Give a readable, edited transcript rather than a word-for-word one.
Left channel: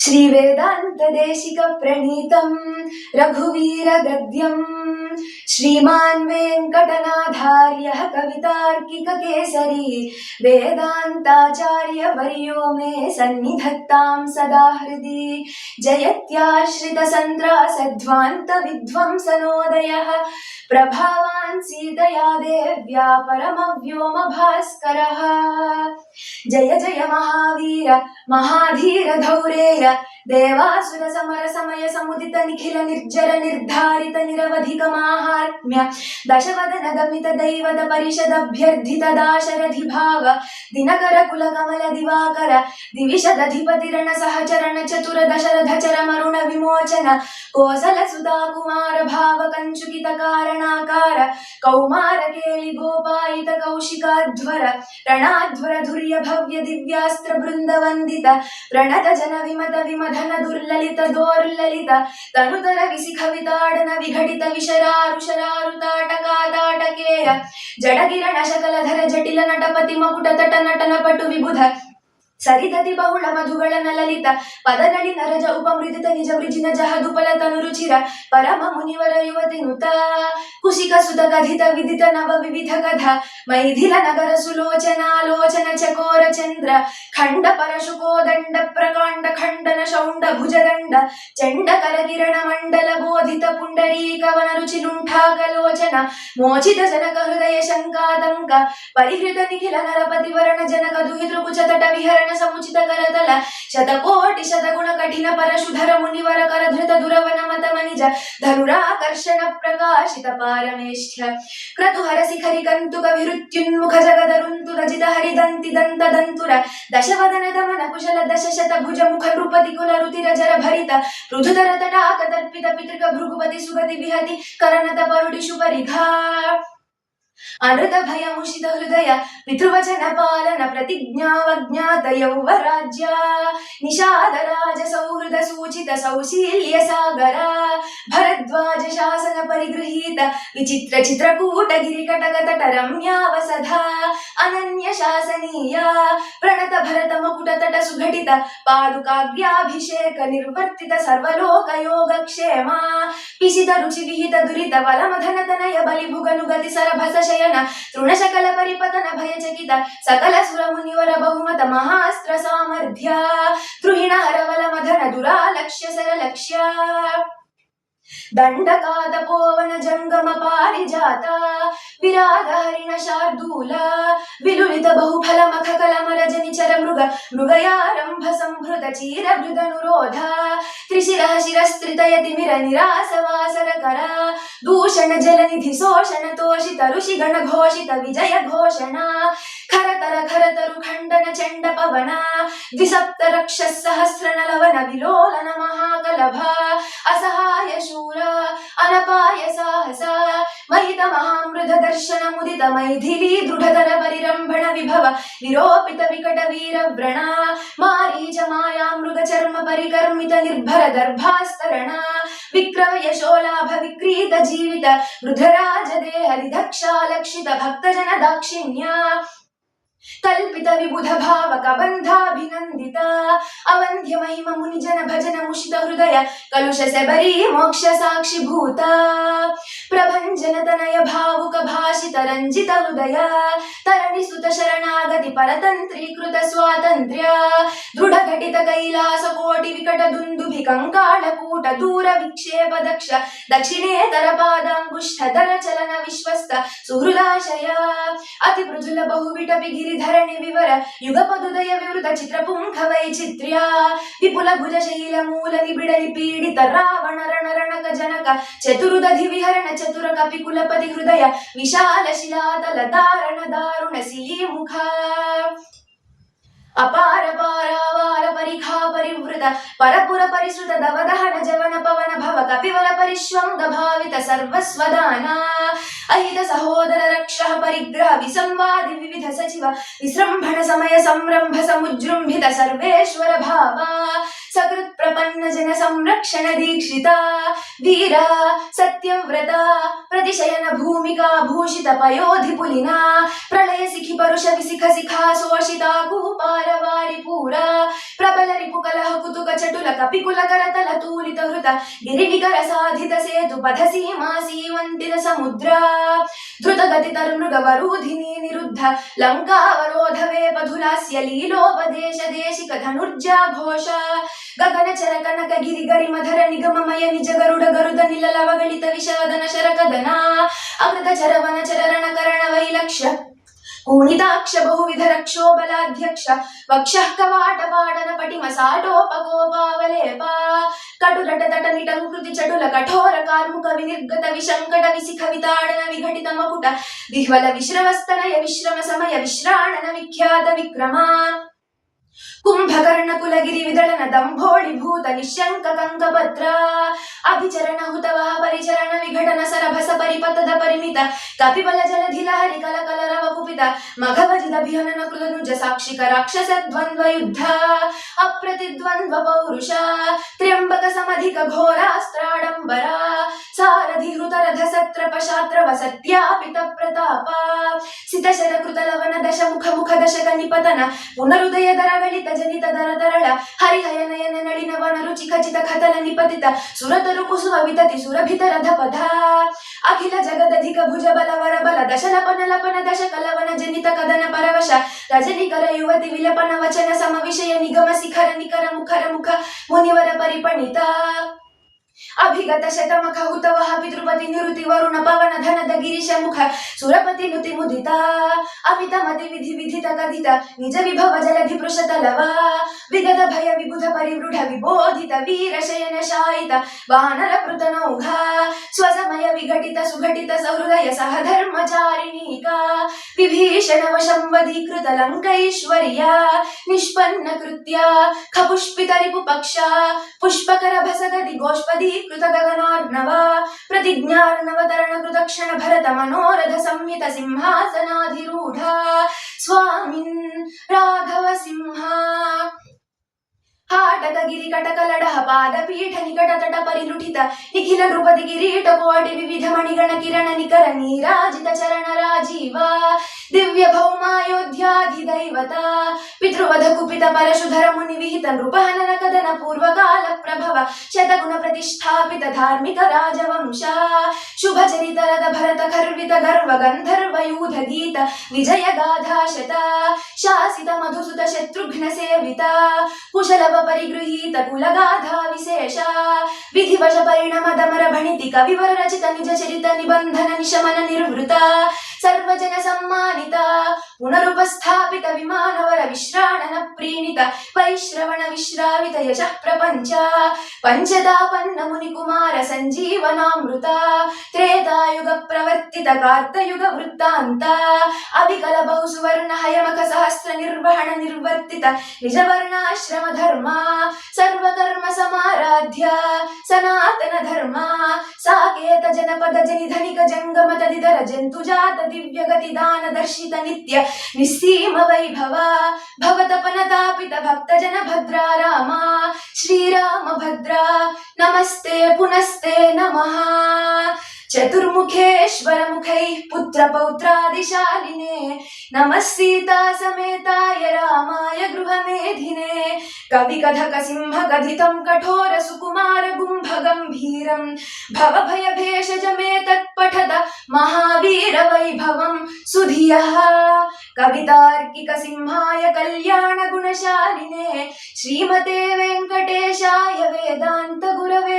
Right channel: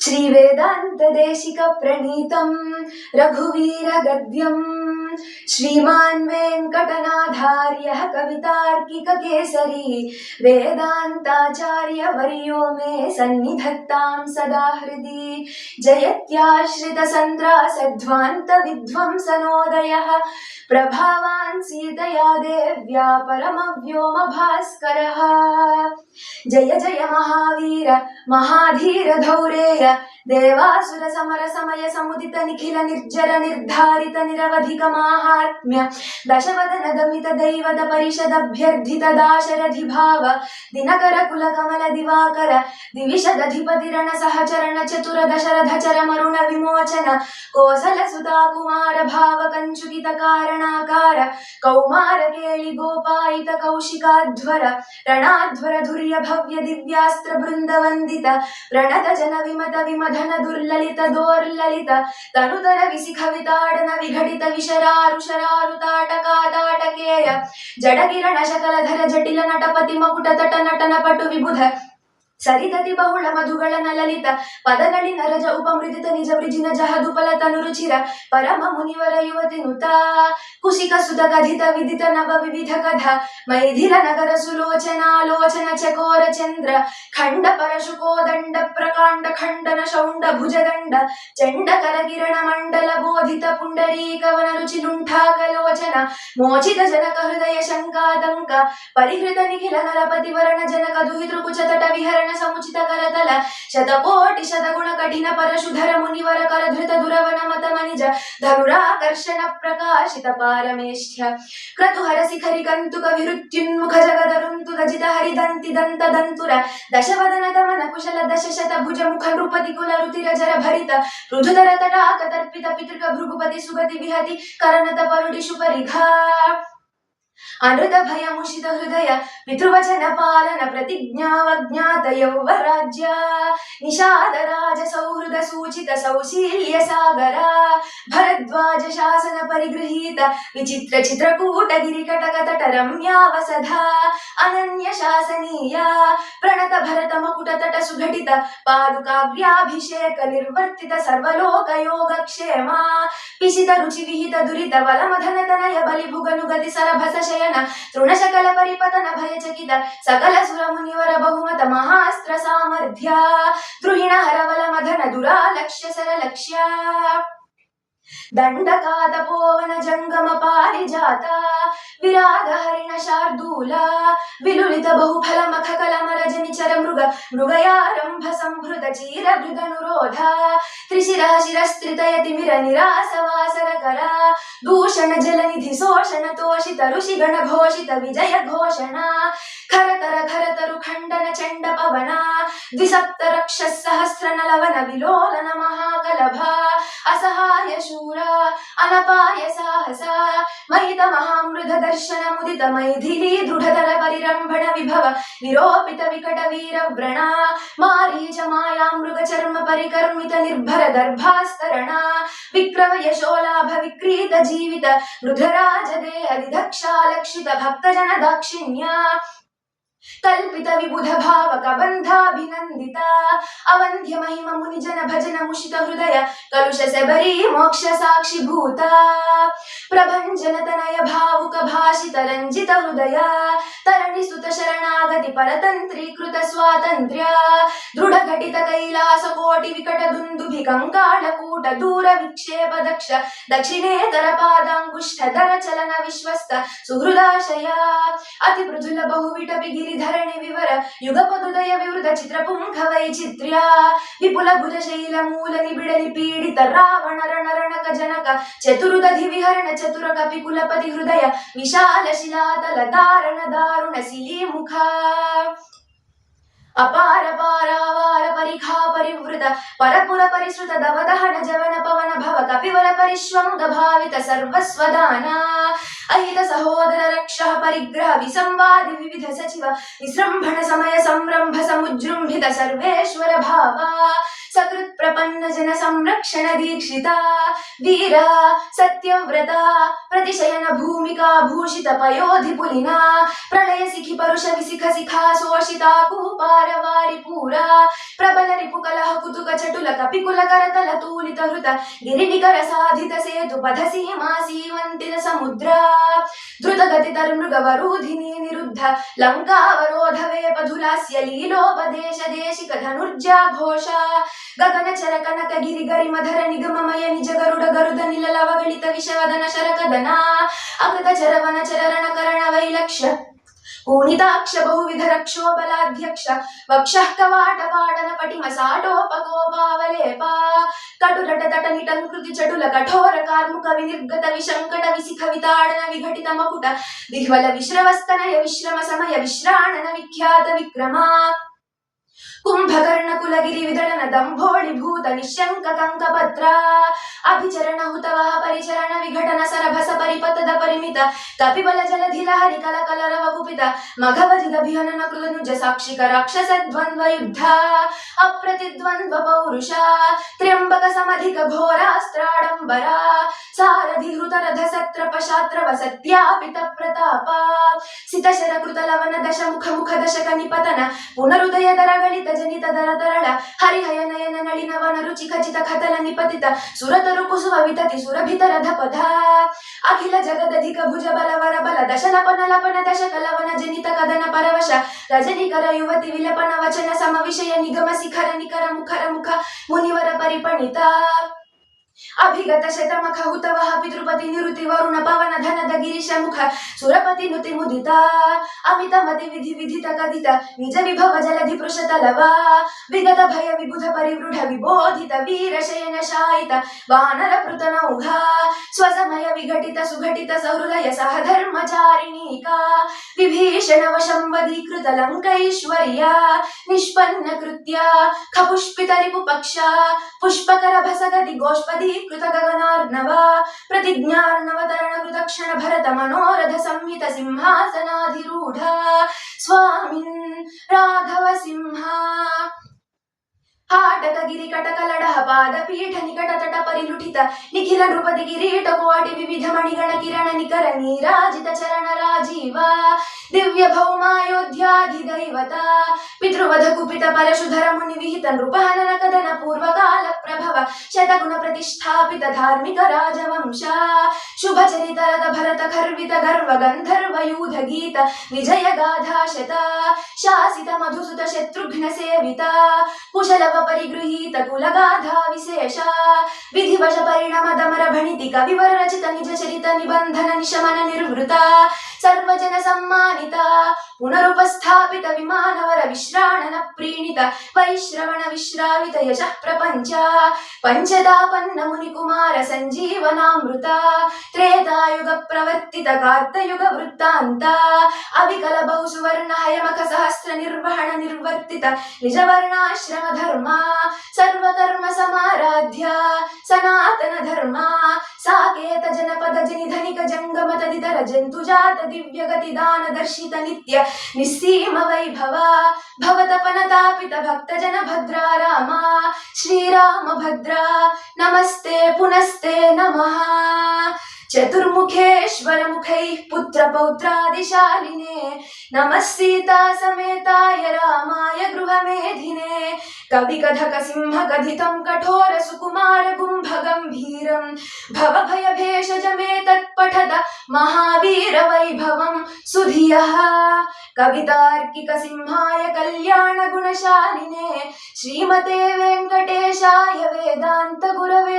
श्री वेदांत देशिक प्रणीतं रघुवीर गद्यं श्रीमान् वेंकटनाथार्यः कवितार्किक केसरी वेदांताचार्य वर्यो मे सन्निधत्तां सदा हृदि जयत्याश्रित संद्रासध्वान्त विध्वंसनोदयः प्रभावान् सीतया देव्या परमव्योम भास्करः जय जय महावीर महाधीर धौरेय देवासुर समर समय समुदित निखिल निर्जर निर्धारित निरवधिक माहात्म्य दशवदन दमित दैवत परिषद अभ्यर्थित दाशरथि भाव दिनकर कुल कमल दिवाकर दिविशदधिपति रण सहचरण चतुर दशरथ चरमरुण विमोचन कोसल सुता कुमार भाव कंचुकित कारणाकार कौमार केळि गोपायित कौशिकाध्वर ರಣಾಧ್ವರ ಧುರ್ಯ ಭವ್ಯ ದಿವ್ಯಾಸ್ತ್ರ ಬೃಂದ ವಂದಿತ ಪ್ರಣತ ಜನ ವಿಮತ ವಿಮಧನ ದುರ್ಲಲಿತ ದೋರ್ಲಲಿತ ತನುತರ ವಿಸಿಖವಿತಾಡನ ವಿಘಟಿತ ವಿಶರಾರು ಶರಾರು ತಾಟಕಾತಾಟಕೇಯ ಜಡಗಿರಣ ಶಕಲಧರ ಜಟಿಲ ನಟಪತಿ ಮಕುಟ ತಟ ನಟನ ಪಟು ವಿಬುಧ ಸರಿದತಿ ಬಹುಳ ಮಧುಗಳನ ಲಲಿತ ಪದನಳಿ ನರಜ ಉಪಮೃದಿತ ನಿಜ ವೃಜಿನ ಜಹದುಪಲ ತನುರುಚಿರ ಪರಮ ಮುನಿವರ ಯುವತಿ ನುತ ಕುಶಿಕ ಸುತ ಕಥಿತ ವಿದಿತ ನವ ವಿವಿಧ ಕಥ ಮೈಥಿಲ ನಗರ ಸುಲೋಚನಾಲೋಚನ ಚಕೋರ ಚಂದ್ರ ಖಂಡ ಪರಶುಕೋದಂಡ ಪ್ರಕಾಂಡ ಖಂಡನ ಶೌಂಡ ಭುಜದಂಡ ಚಂಡ ಕರಕಿರಣ ಮಂಡಲ ಬೋಧಿತ ಪುಂಡರೀಕವನ ರುಚಿ ಲುಂಠಾಕಲೋಚನ ಮೋಚಿತ ಜನಕ ಹೃದಯ ಶಂಕಾತಂಕ ಪರಿಹೃತ ನಿಖಿಲ ನರಪತಿ ವರ್ಣ ಜನಕ ದುಹಿತೃಕುಚ ತಟ ವಿಹರಣ समुचित करतल शतकोटि शतगुण कठिन परशुधर मुनिवर कर धृत दुरवन मत मनिज धनुराकर्षण प्रकाशित पारमेष्ठ्य क्रतुहर शिखरि कंतुक विहृत्युन्मुख जगदरुन्तु रजित हरिदन्ति दंत दंतुर दशवदन दमन कुशल दशशत भुज मुख नृपति कुल रुतिर जर भरित पृथुतर तटाक तर्पित पितृक भृगुपति सुगति विहति करनत परुडिषु परिघा अनृत भय मुषित हृदय पितृवचन पालन प्रतिज्ञावज्ञात यौवराज्य निषाद राज सौहृद सूचित सौशील्य सागर भरद्वाज शासन परिगृहीत विचित्र चित्रकूट गिरिकटक तट रम्यावसधा अनन्य शासनीय प्रणत भरत मकुट तट सुघटित पादुकाग्र्याभिषेक निर्वर्तित सर्वलोक योगक्षेम पिशित रुचि विहित दुरित वलमधन तनय बलिभुगनुगति सरभस शयन तृणशकल परिपतन भयचकित सकल सुर मुनिवर बहुमत महास्त्र सामर्थ्य द्रुहिण हरवल मधन दुरालक्ष्य सरलक्ष्य दंडकात पोवन जंगम पारिजात विराग हरिण शार्दूल विलुलित बहुफल मख कलम रजनि चर मृग मृगयारंभ संभृत चीर भृगनुरोध त्रिशिरः शिरस्त्रितयति मिर निरास वासर कर दूषण जलनिधि शोषण तोषित ऋषि गण घोषित विजय घोषणा खरतरु खंडन चंड पवन द्विसप्त रक्ष सहस्र नलवन विलोलन महाकलभ असहाय शूर अनपाय साहस महित महामृध दर्शन मुदित मैथिली दृढ़तर परिरंभण विभव विरोपित विकट वीर व्रण मारीच माया मृग चर्म परिकर्मित निर्भर दर्भास्तरण विक्रम यशोलाभ विक्रीत जीवित रुद्रराज देह दिदक्षा लक्षित भक्त जन दाक्षिण्य कल्पित विबुध भावक बंधाभिनंदित अवंध्य महिम मुनिजन भजन मुषित हृदय कलुष सबरी मोक्ष साक्षी भूत प्रभंजन तनय भावुक भाषित रंजित हृदय तरणि सुत शरणागति परतंत्रीकृत स्वातंत्र्य दृढ़ घटित कैलास कोटि विकट दुंदुभि कंकाल कूट दूर विक्षेप दक्ष दक्षिणेतर पादांगुष्ठ दर चलन विश्वस्त सुहृदाशय अति मृदुल बहुविटपि गिरिधरणि विवर युगपदुदय विवृत चित्रपुंख वैचित्र्य विपुल भुज शैल मूल निबिडलि पीडित रावण रण रणक जनक चतुरुदधि विहरण चतुर कपि कुलपति हृदय विशाल शिलातल दारण दारुण सिली मुख अपार पारावार परिखा परिवृत परपुर परिश्रुत दवदहन जवन पवन भव कपिवल परिश्वंग भावित सर्वस्वदान अहित सहोदर रक्ष परिग्रह विसंवादि विविध सचिव विसृंभण समय संरंभ समुजृंभित सर्वेश्वर भाव सकृत प्रपन्न जन संरक्षण दीक्षिता वीर सत्यव्रता प्रतिशयन भूमिका भूषित पयोधि पुलिना प्रलय सिखि परुष विसिख शिखा शोषिता कुपार वारि पूरा प्रबल रिपु कलह कुतुक चटुल कपिकुल करतल तूलित हृत गिरिनिकर साधित सेतु पथ सीमा सीवंतित समुद्रा द्रुत गति तर्मृग वरूधिनी निरुद्ध लंकावरोध वेपधुलास्य लीलोपदेश देशिक धनुर्जा घोषा गगन चर कनक गिरि गरि मधर निगममय निज गरुड गरुद निललवगलित विषवदन शरकदना अकृत चरवन चरण करण वैलक्ष्य ऊनिताक्ष बहुविध रक्षोबलाध्यक्ष वक्षः कवाट पाडन पटिम साटोपकोपावलेपा कटुरट तट निटंकृति चटुल कठोर कार्मुक विनिर्गत विशंकट विशिख विताडन विघटित मकुट विह्वल विश्रवस्तनय विश्रम समय विश्राणन विख्यात विक्रमा कुंभकर्ण कुलगिरि विदलन दंभोळि भूत निशंक कंकपत्र अभिचरण हुतवः परिचरण विघटन सरभस परिपतद परिमित कपिबल जलधि लहरि कल कलरव कुपित मघवजिद भिहनन कृतनुज साक्षिक राक्षस द्वंद्व युद्ध अप्रतिद्वंद्व पौरुष त्र्यंबक समधिक घोरास्त्राडंबरा सारथि हृत रथ सत्रप शात्रव सत्यापित प्रताप सित शर कृत लवन दश मुख मुख दशक निपतन पुनरुदय दरगलित जनित दर तरळ हरिहय नयन नलिन वन रुचि खचित खतल निपतित सुरतरु कुसुम वितति सुरभित रधपथ अखिल जगदधिक भुज बल वर बल दश लपन लपन दश कलवन जनित कदन परवश रजनिकर युवति विलपन वचन सम विषय निगम शिखर निकर मुखर मुख मुनिवर परिपणित अभिगत शतमख हुतवः पितृपति निरुति वरुण पवन धनद गिरीश मुख सुरपति नुति मुदिता अमित मति विधि विधित कथित निज विभव जलधि पृषतलवा विगत भय विबुध परिवृढ विबोधित वीर शयन शायित वानर पृतनौघा स्वसमय विघटित सुघटित सहृदय सहधर्मचारिणीका विभीषण वशंवदीकृत लंकैश्वर्या निष्पन्न कृत्या खपुष्पित रिपुपक्षा पुष्पकर भसगति गोष्पदी कृत गगनार्णवा प्रतिज्ञार्णवतरण कृतक्षण भरत मनोरथ संहित सिंहासनाधिरूढ स्वामिन् राघव सिंह हाटक गिरि कटक लडह पाद पीठ निकट तट परिलुठित निखिल नृपति किरीट कोटि विविध मणिगण किरण निकर नीराजित चरण राजीवा दिव्य भौमायोध्याधिदैवता पितृवध कुपित परशुधर मुनि विहित नृपहनन कदन पूर्वकाल प्रभव शतगुण प्रतिष्ठापित धार्मिक राजवंश शुभ चरित रथ भरत खर्वित गर्व गंधर्व यूध गीत विजय गाथा शता शासित मधुसुत शत्रुघ्न सेविता कुशल परिगृहीत कुलगाथा विशेष विधिवश परिणम दमर भणिति कविवर रचित निज चरित निबंधन निशमन निर्वृता सर्वजन सम्मानिता पुनरुपस्थापित विमानवर विश्राणन प्रीणित वैश्रवण विश्रावित यशः प्रपंच पंचदापन्न मुनिकुमार संजीवनामृत त्रेतायुग प्रवर्तित कार्तयुग वृत्तान्त अविकल बहुसुवर्ण हयमख सहस्र निर्वहण निर्वर्तित निजवर्णाश्रम धर्म सर्वकर्म समाराध्य सनातन धर्म साकेत जनपद जनिधनिक जंगम तदितर जंतुजात दिव्य गति दान दर्शित नित्य निस्सीम वैभव भवतपनतापित भक्तजन भद्रा राम श्रीराम भद्रा नमस्ते पुनस्ते नमः चतुर्मुखेश्वर मुखैः पुत्र पौत्रादिशालिने नमः सीता समेताय रामाय गृहमेधिने कवि कथक सिंह कथितं कठोर सुकुमार गुंभ गंभीरं भव भय भेषज मे तत्पठत महावीर वैभवं सुधियः कवितार्किक सिंहाय कल्याण गुणशालिने श्रीमते वेंकटेशाय वेदांत गुरवे